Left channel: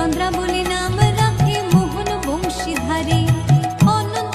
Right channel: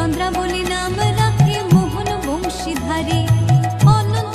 চন্দ্রা বলে নাম রাখে মোহন বংশীধারী। অনন্ত